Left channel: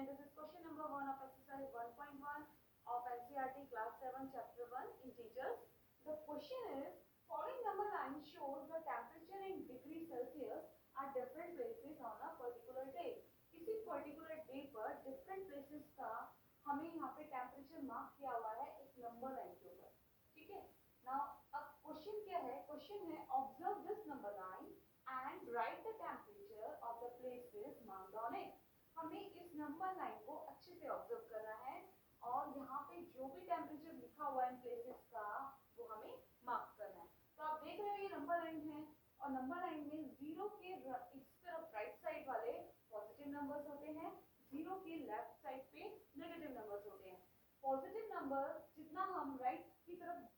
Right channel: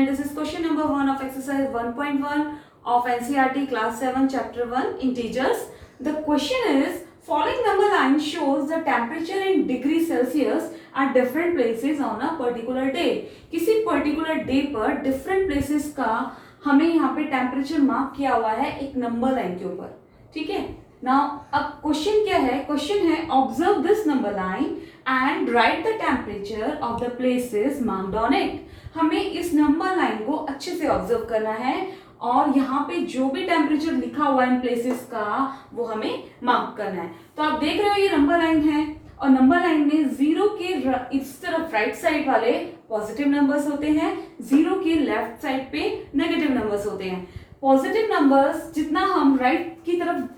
and this is question number 1 of exercise 1.1 of NCERT class 7 chapter 1 integers. The question is following number line shows the temperature in degree Celsius at different places on a particular day. किसी particular day पर different places का हमें यहाँ पे temperature mark किया हुआ है एक नंबर लाइन के ऊपर, ठीक है. नाउ अब क्वेश्चन क्या है, क्वेश्चन है observe this number line and right the temperature of the places marked on it. हमें इस नंबर लाइन को अच्छे से ऑब्जर्व करना है और यहाँ पे जो भी टेम्परेचर लिखा हुआ है इन प्लेसेस का वो हमें मार्क करना है. तो आप देख रहे हो ये नंबर लाइन है और नंबर लाइन में जीरो के इस तरफ राइट साइड वाले पॉजिटिव नंबर्स होते हैं, जीरो के लेफ्ट साइड पे नेगेटिव नंबर्स होते हैं. पॉजिटिव नंबर्स जितना हम राइट की तरफ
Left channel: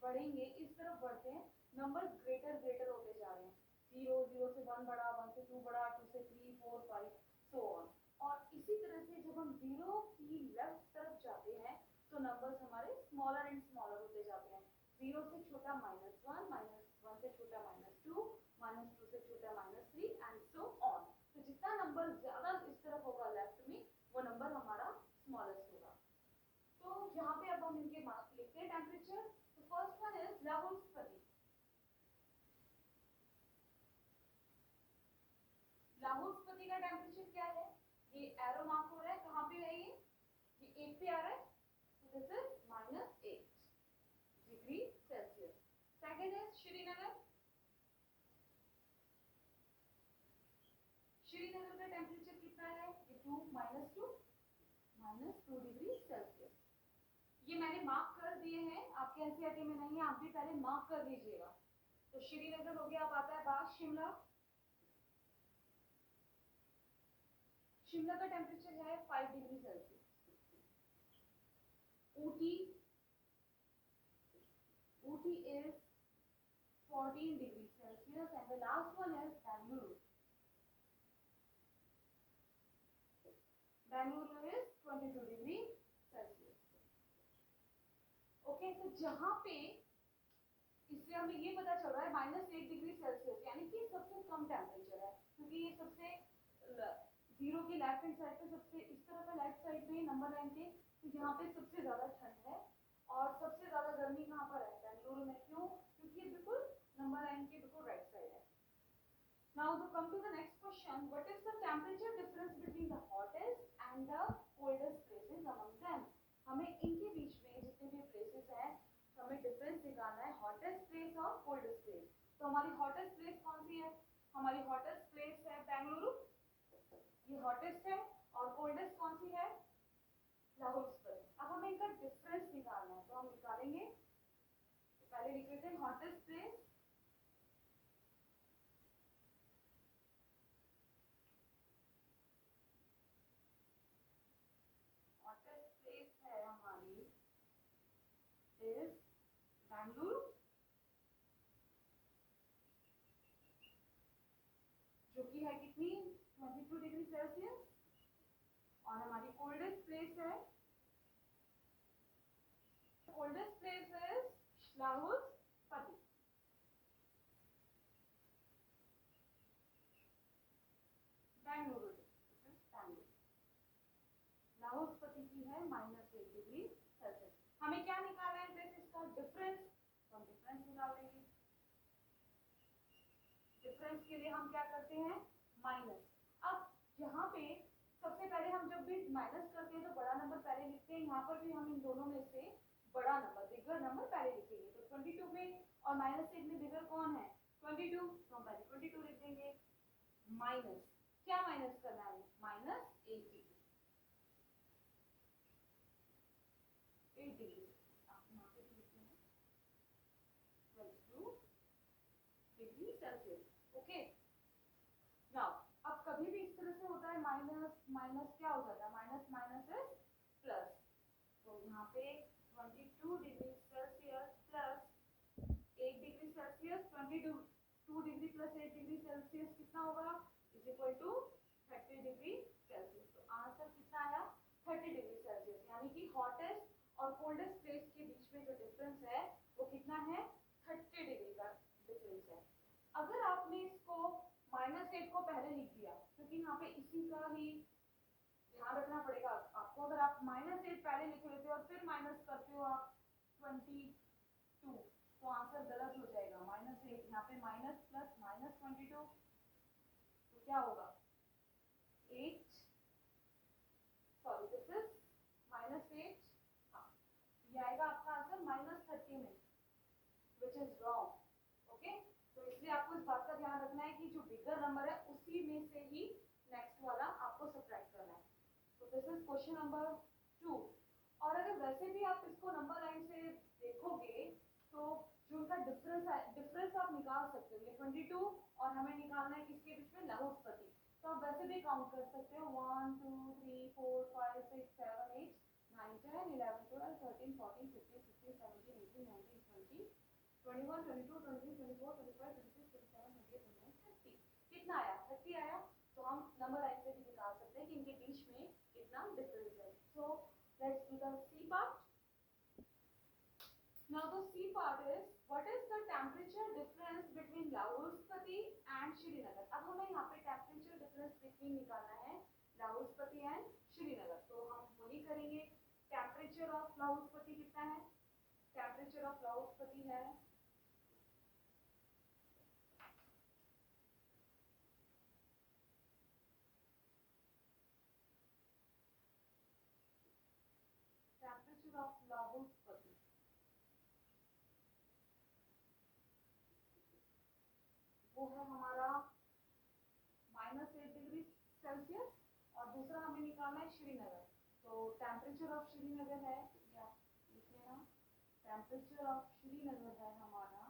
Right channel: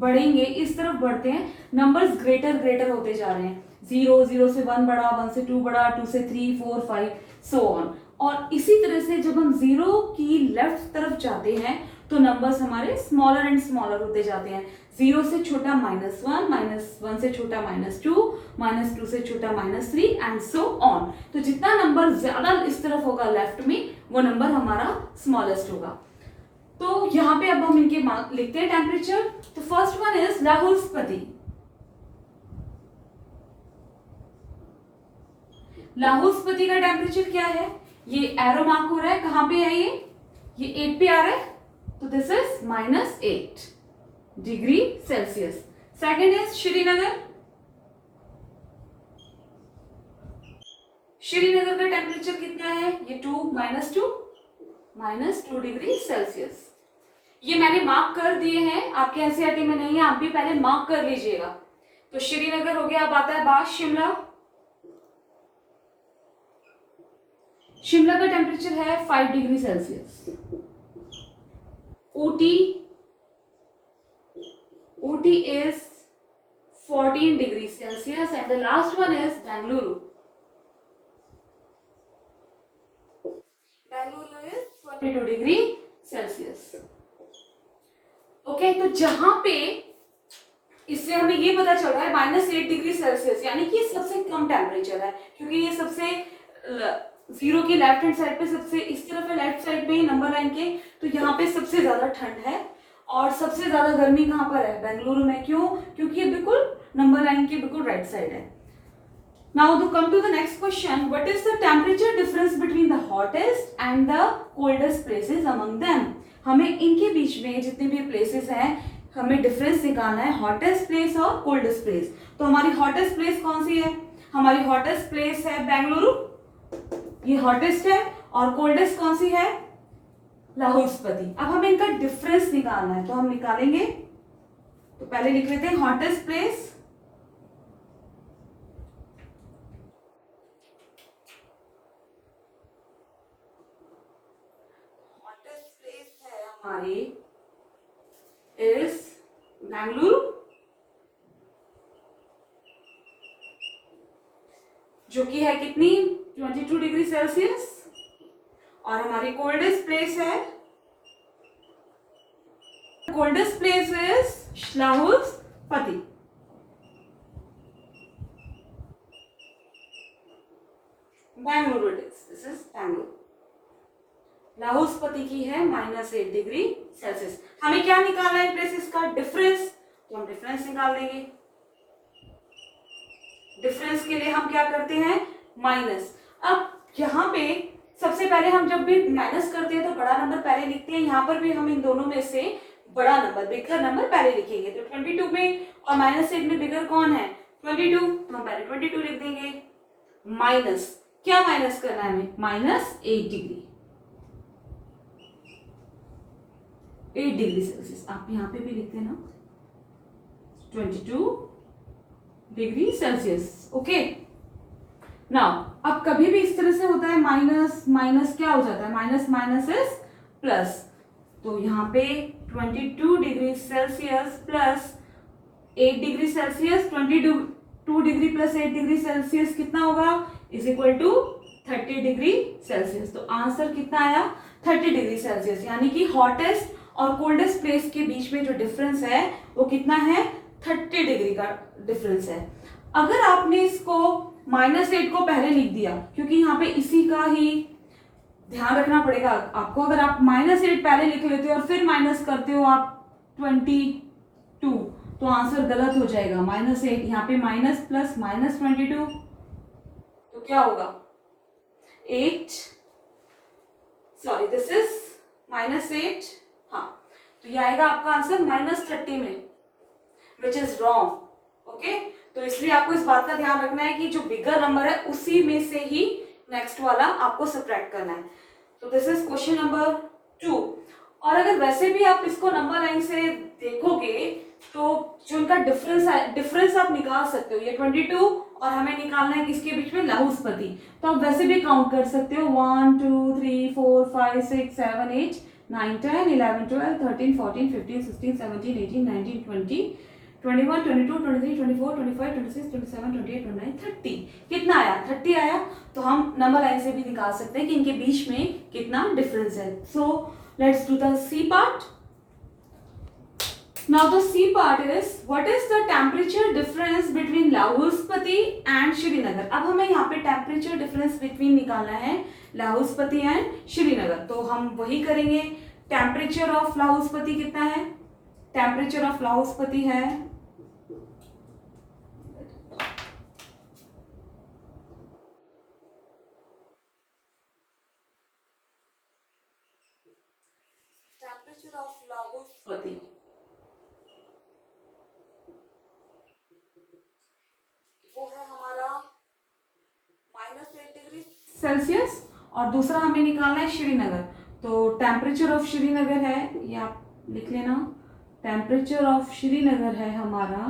बढ़ेंगे इस तरफ बढ़ते हैं नंबर्स ग्रेटर होते जा रहे हैं. 0 से 1 बढ़ा, 1 से 2 बढ़ा, 2 से 3 4 5 सो ऑन. और इसी तरह से जब हम जीरो की लेफ्ट तरफ जाते हैं तो नंबर्स हमारे स्मॉलर एंड स्मॉलर होते जाते हैं. 0 से छोटा -1, -1 से छोटा -2, -2 से छोटा -3 एंड सो ऑन. तो जितना नंबर ज्यादा इस तरफ होगा लेफ्ट में वो नंबर हमारा स्मॉलेस्ट होगा. तो यहाँ पे अब हम इनके लिखते हैं टेम्परेचर. तो first one is Lahaul Spiti. Lahaul Spiti का टेम्परेचर क्या है, ये एरो मार्क हो रहा है, कहां पे है ये 8 पे आ रहा है, तो this is -8 degree Celsius. Second is Srinagar. Srinagar का टेम्परेचर कितना है, ये -2 डिग्री सेल्सियस. ये मैंने मार्क कर दिए हैं, आपके एनसीईआरटी में नहीं है, आप भी पहले मार्क कर लीजिएगा. तो श्रीनगर हो गया. अब आता है बात शिमला. शिमला का टेम्परेचर है 5 degree Celsius. Ooty is 14 degree Celsius and the last one is Bengaluru. Bengaluru is 22 degree Celsius. Okay, तो जहां पे इससे हमें ये पता चल रहा है -8 डिग्री सेल्सियस, यानी कि सबसे कम टेम्परेचर है क्योंकि ये सबसे जीरो की लेफ्ट हैंड साइड पे सबसे इस तरफ है, लेफ्ट साइड पे नंबर लाइन के. तो यहाँ पे सबसे ज्यादा ठंड है और सबसे ज्यादा गर्मी कहाँ पर है, बेंगलुरु में. क्यों, क्योंकि ये बिल्कुल नंबर लाइन के बिल्कुल राइट साइड है. Now to come to the next question, what is the temperature difference between the hottest and the coldest places among them. हमें इनके बीच में जितने भी प्लेसेस हैं हमें डिफरेंस निकालना है, हॉटेस्ट प्लेस और कोल्डेस्ट प्लेस. तो हमारी हॉटेस्ट प्लेस कौन सी है, हमारी हॉटेस्ट प्लेस है बेंगलुरु, ये हॉटेस्ट है. और कोल्डेस्ट कौन सी है, लाहौल स्पीति. अब हमें इनका डिफरेंस निकालना है तो हम निकालेंगे. तो पहले लिख लेते हैं हॉटेस्ट प्लेस, है हमारी इज बेंगलुरु जो कि है कितनी 22 डिग्री सेल्सियस. और हमारी कोल्डेस्ट प्लेस है, coldest place is Lahaul Spiti. Bengaluru this is Bengaluru. Lahaul Spiti की है -8 डिग्री सेल्सियस. हमें क्या निकालना है प्लेसेस का डिफरेंस, तो हम डिफरेंस निकाल देंगे. डिफरेंस के लिए हम क्या करते हैं माइनस. अब यहाँ पे सबसे पहले हम जब भी माइनस करते हैं तो बड़ा नंबर पहले लिखते हैं. यहाँ पर भी हम इन दोनों में से बड़ा नंबर बिगर नंबर पहले लिखेंगे. तो 22 में और -8 में बिगर कौन है 22, तो हम पहले 22 लिख देंगे. माइनस क्या माइनस करना है हमें, -8 डिग्री 8 डिग्री सेल्सियस. आप यहाँ पे भी लिखते हैं ना 22 डिग्री सेल्सियस. ओके, नाउ अब कभी भी इस तरह से होता है माइनस माइनस क्या हो जाता है, माइनस इज प्लस. तो यहाँ पे 22 degree Celsius plus 8 degree Celsius, 22 degree plus 8 degree Celsius कितना होगा, is equal to 30 degree Celsius. तो आंसर कितना आया 30 डिग्री सेल्सियस. यानी कि हॉटेस्ट और कोल्डेस्ट प्लेस के बीच में जो डिफरेंस है वो कितना है 30 डिग्री का डिफरेंस है. अगर आपने इसको -8 को पहले लिख दिया क्योंकि यहाँ पे इसी का ही ध्यान रखना पड़ेगा आपको। अगर आप -8 पहले लिख लेते हो और फिर माइनस करते हो आप 22, तो आंसर गलत हो जाएगा। -8 यहाँ पे माइनस प्लस -22, तो क्या होगा 8, सॉरी दिस इज -8, हाँ, तो ये आएगा आपका आंसर -30 में, विच इज रॉन्ग। ओके, तो इसलिए आपको इस बात का ध्यान रखना है कि जो बिगर नंबर है उसी में से ही नेक्स्ट वाला आपको सब्ट्रैक्ट करना है। तो दिस इज क्वेश्चन नंबर 2। और अगर वैसे भी आप इसको नंबर लाइन से देखोगे तो जो इनका डिफरेंस आप निकाल सकते हो। ये 22 और हमें निकालना है किसके बीच में, लाहुस्पति। तो आप वैसे भी काउंट कर सकते हो 1 2 3 4 5 6 7 8 9 10 11 12 13 14 15 16 17 18 19 20 21 22 23 24 25 26 27 28 29 30। कितना आया, 30 आया। तो हम नंबर लाइन से भी निकाल सकते हैं कि इनके बीच में कितना डिफरेंस है। So let's do the C part. Now the C part is what is the temperature difference between लाहुस्पति and Srinagar. अब हमें यहाँ पे टेम्परेचर डिफरेंस बिटवीन निकालना है लाहुस्पति एंड श्रीनगर। तो हम वही करेंगे। टेम्परेचर ऑफ लाहुस्पति कितना है, टेम्परेचर ऑफ लाहुस्पति है वो है हमारा -8 डिग्री सेल्सियस, और दूसरा हमें निकालना है श्रीनगर। तो टेम्परेचर ऑफ श्रीनगर है, ये आप लिख लेना, टेम्परेचर ऑफ श्रीनगर है हमारा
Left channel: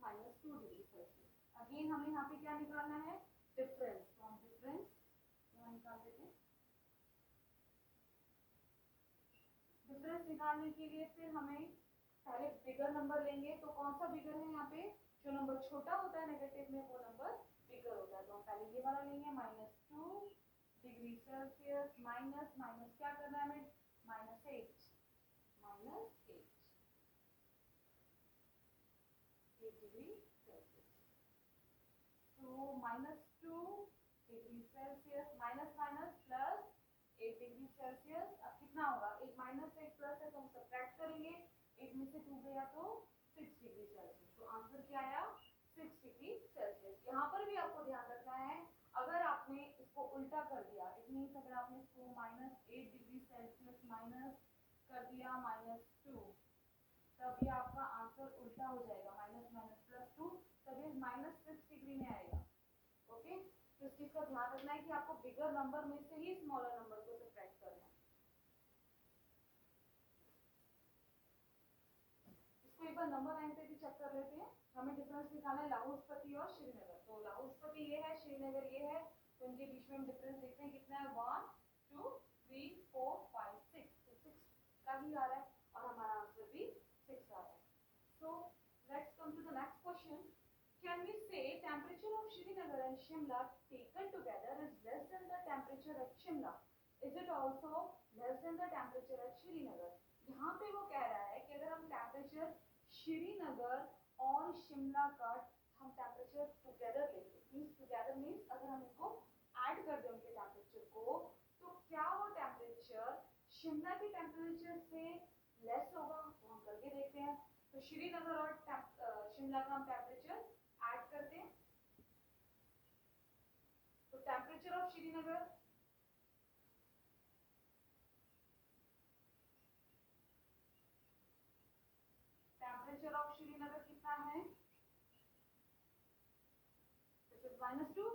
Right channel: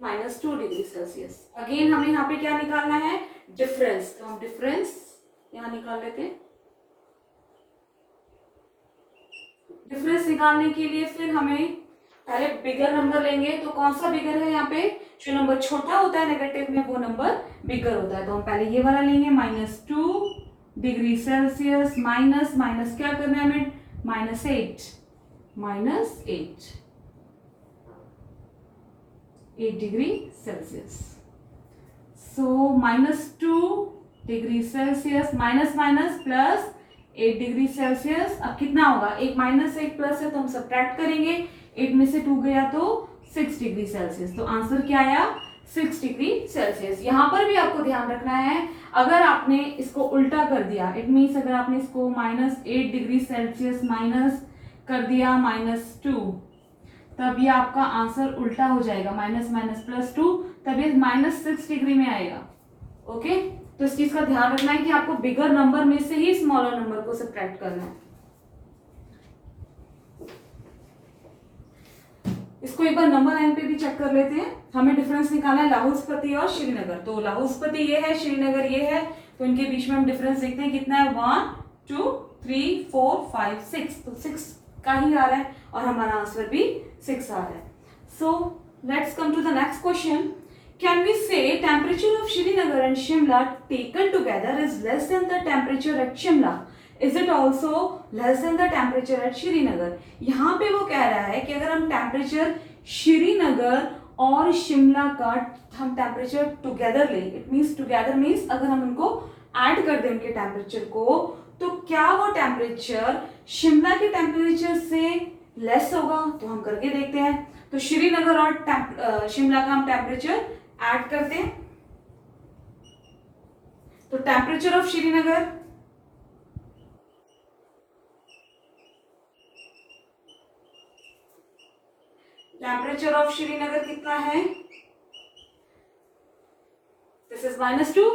-2 डिग्री सेल्सियस। अगेन हमें यहाँ पे क्या निकालना है, डिफरेंस। तो हम डिफरेंस यहाँ निकाल लेते हैं। डिफरेंस निकालने के लिए फिर हमें पहले बिगर नंबर लेंगे। तो कौन सा बिगर है यहाँ पे, जो नंबर छोटा होता है नेगेटिव में वो नंबर बिगर होता है। तो हम पहले ये वाला लेंगे, -2 डिग्री सेल्सियस माइनस माइनस क्या करना है हमें, -8 डिग्री सेल्सियस। सो -2 degree Celsius minus minus plus 8 degree Celsius. अब कितना होगा, एक माइनस एक प्लस है तो हम सब्ट्रैक्ट करेंगे, 8 में से 2 गया तो 6 डिग्री सेल्सियस। तो आंसर क्या आया, 6 डिग्री सेल्सियस। यहाँ पर भी आपको ध्यान रखना है, अगर आपने इसको उल्टा कर दिया, इट मीन्स अगर आपने इसको -8 डिग्री सेल्सियस माइनस कर दिया -2, तब ये आपका आंसर उल्टा हो जाएगा, माइनस माइनस +2, तब ये -6 डिग्री में आएगा। ओके, तो इस चीज का ध्यान रखना है कि आपको बिगर नंबर में से ही स्मॉलर नंबर को सब्ट्रैक्ट करना है। इसको एक बार नंबर लाइन पे भी चेक कर लेते हैं। हमें डिफरेंस निकालना है लाहुस्पति और श्रीनगर। तो लाहुस्पति ये है, श्रीनगर ये है, तो इनके बीच में हम डिफरेंस देखते हैं कितना है, 1 2 3 4 5 6। तो 6 का ही आ रहा है और हमारा आंसर भी 6 आ रहा है। So let's come to the next question. Can we say temperature of Srinagar and Shimla taken together is less than the temperature at Shimla? Is it also less than the temperature at Srinagar? यहाँ पे वो कह रहा है कि अगर हम temperature Srinagar और शिमला का हम टेम्परेचर टुगेदर लें, इट मीन्स टुगेदर मीन्स अगर हम उनको ऐड कर दें उनके टेम्परेचर को, तो क्या वो टेम्परेचर शिमला के टेम्परेचर से लेस होगा? तो हम करके देखते हैं। तो श्रीनगर और शिमला का हम टेम्परेचर ऐड करते हैं। तो टेम्परेचर ऑफ श्रीनगर कितना है, this is -2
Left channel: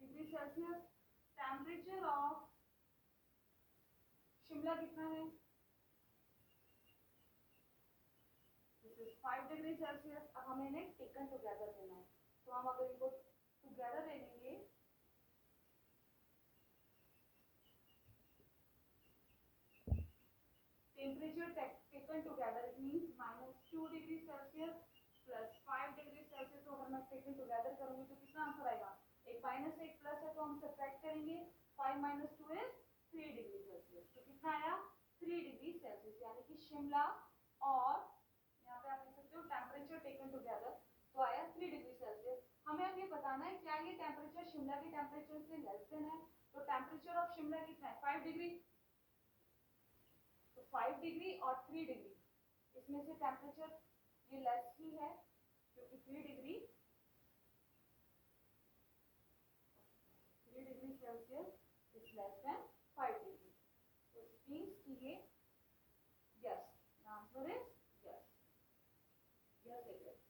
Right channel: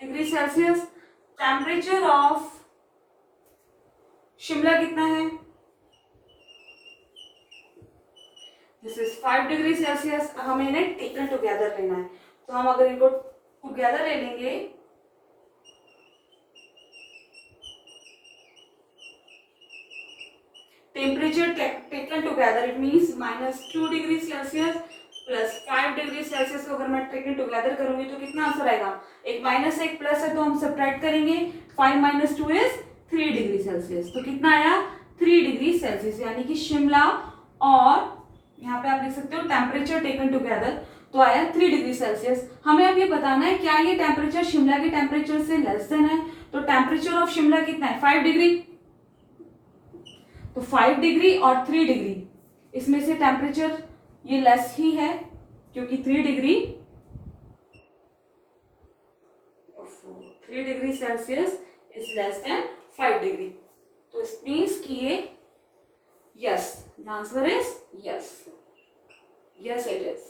degree Celsius. Temperature of Shimla कितना है, दिस इज 5 डिग्री सेल्सियस। हमें इन्हें टेकन टुगेदर लेना है। तो हम अगर इनको टुगेदर ले लेंगे, temperature taken together it means -2 degree Celsius plus 5 degree Celsius को अगर मैं टेकन टुगेदर करूंगी तो कितना आंसर आएगा, एक माइनस एक प्लस है तो हम सब्ट्रैक्ट करेंगे, 5 - 2 इज 3 डिग्री सेल्सियस। तो कितना आया, 3 डिग्री सेल्सियस। यानी कि शिमला और यहाँ पे आप लिख सकते हो टेम्परेचर टेकन टुगेदर, तो आया 3 डिग्री सेल्सियस। हमें अब ये बताना है क्या ये टेम्परेचर शिमला के टेम्परेचर से लेस देन है। तो टेम्परेचर ऑफ शिमला कितना है 5 डिग्री, तो 5 डिग्री और 3 डिग्री इसमें से टेम्परेचर ये लेस ही है क्योंकि 3 degree Celsius is less than 5 degree. तो इट मीन्स कि ये yes, the answer is yes, yes it is,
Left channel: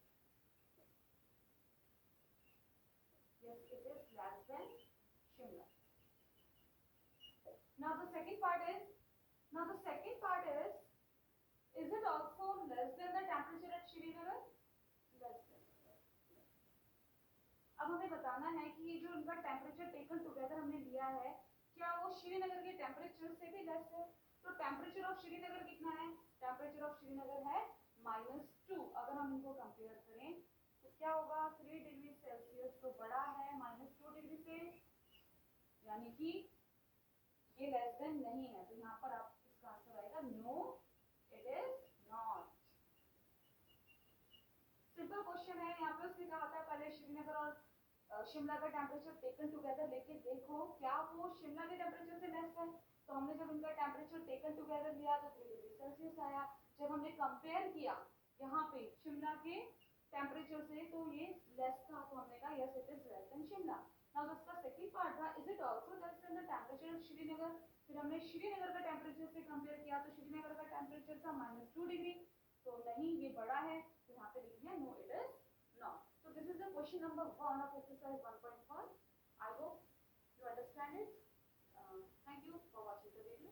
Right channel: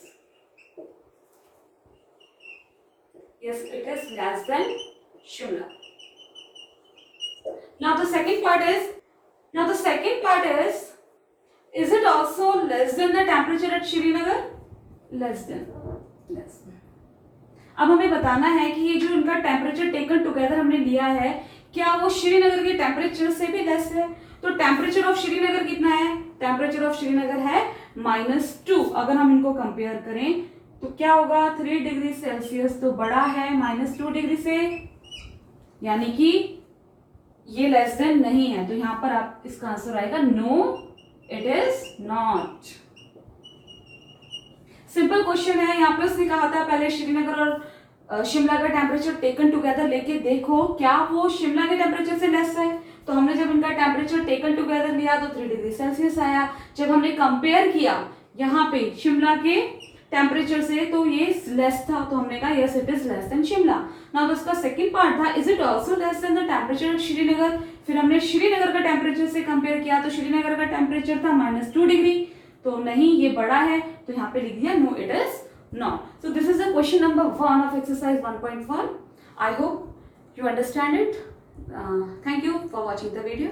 yes it is less than Shimla. Now the second part is it also less than the temperature at Srinagar? Less than. अब हमें बताना है कि ये जो इनका टेम्परेचर टेकन टुगेदर हमने लिया है क्या वो श्रीनगर के टेम्परेचर से भी लेस है। तो टेम्परेचर ऑफ श्रीनगर कितना है, टेम्परेचर ऑफ श्रीनगर है -2। अगर हम इनको कंपेयर करें तो क्या होगा 3 डिग्री सेल्सियस तो बड़ा है -2 डिग्री से, यानी कि ये लेस देन नहीं है। तो यहां पर आप इसका आंसर आएगा no it is not. Simple question है, यहाँ पे उसने कहा था पहले श्रीनगर और शिमला का टेम्परेचर टेकन टुगेदर लेके देखो क्या वो शिमला के टेम्परेचर से लेस है। तो हमने जब इनका टेम्परेचर टेकन टुगेदर लिया तो 3 डिग्री सेल्सियस आया। जब हमने कंपेयर किया यहाँ पे शिमला के टेम्परेचर से तो ये लेस था, तो हमने कहा yes it is less than Shimla. Now उसका सेकंड पार्ट था is it also less than the temperature of Srinagar. फिर हमने श्रीनगर का टेम्परेचर से कंपेयर किया तो श्रीनगर का टेम्परेचर था -2 डिग्री, तो नहीं ये बड़ा है, तो यहाँ पे लिख दिया no it is not. So this is the question number 1 of exercise 1.1। I hope you understand it. Thank you for watching the video.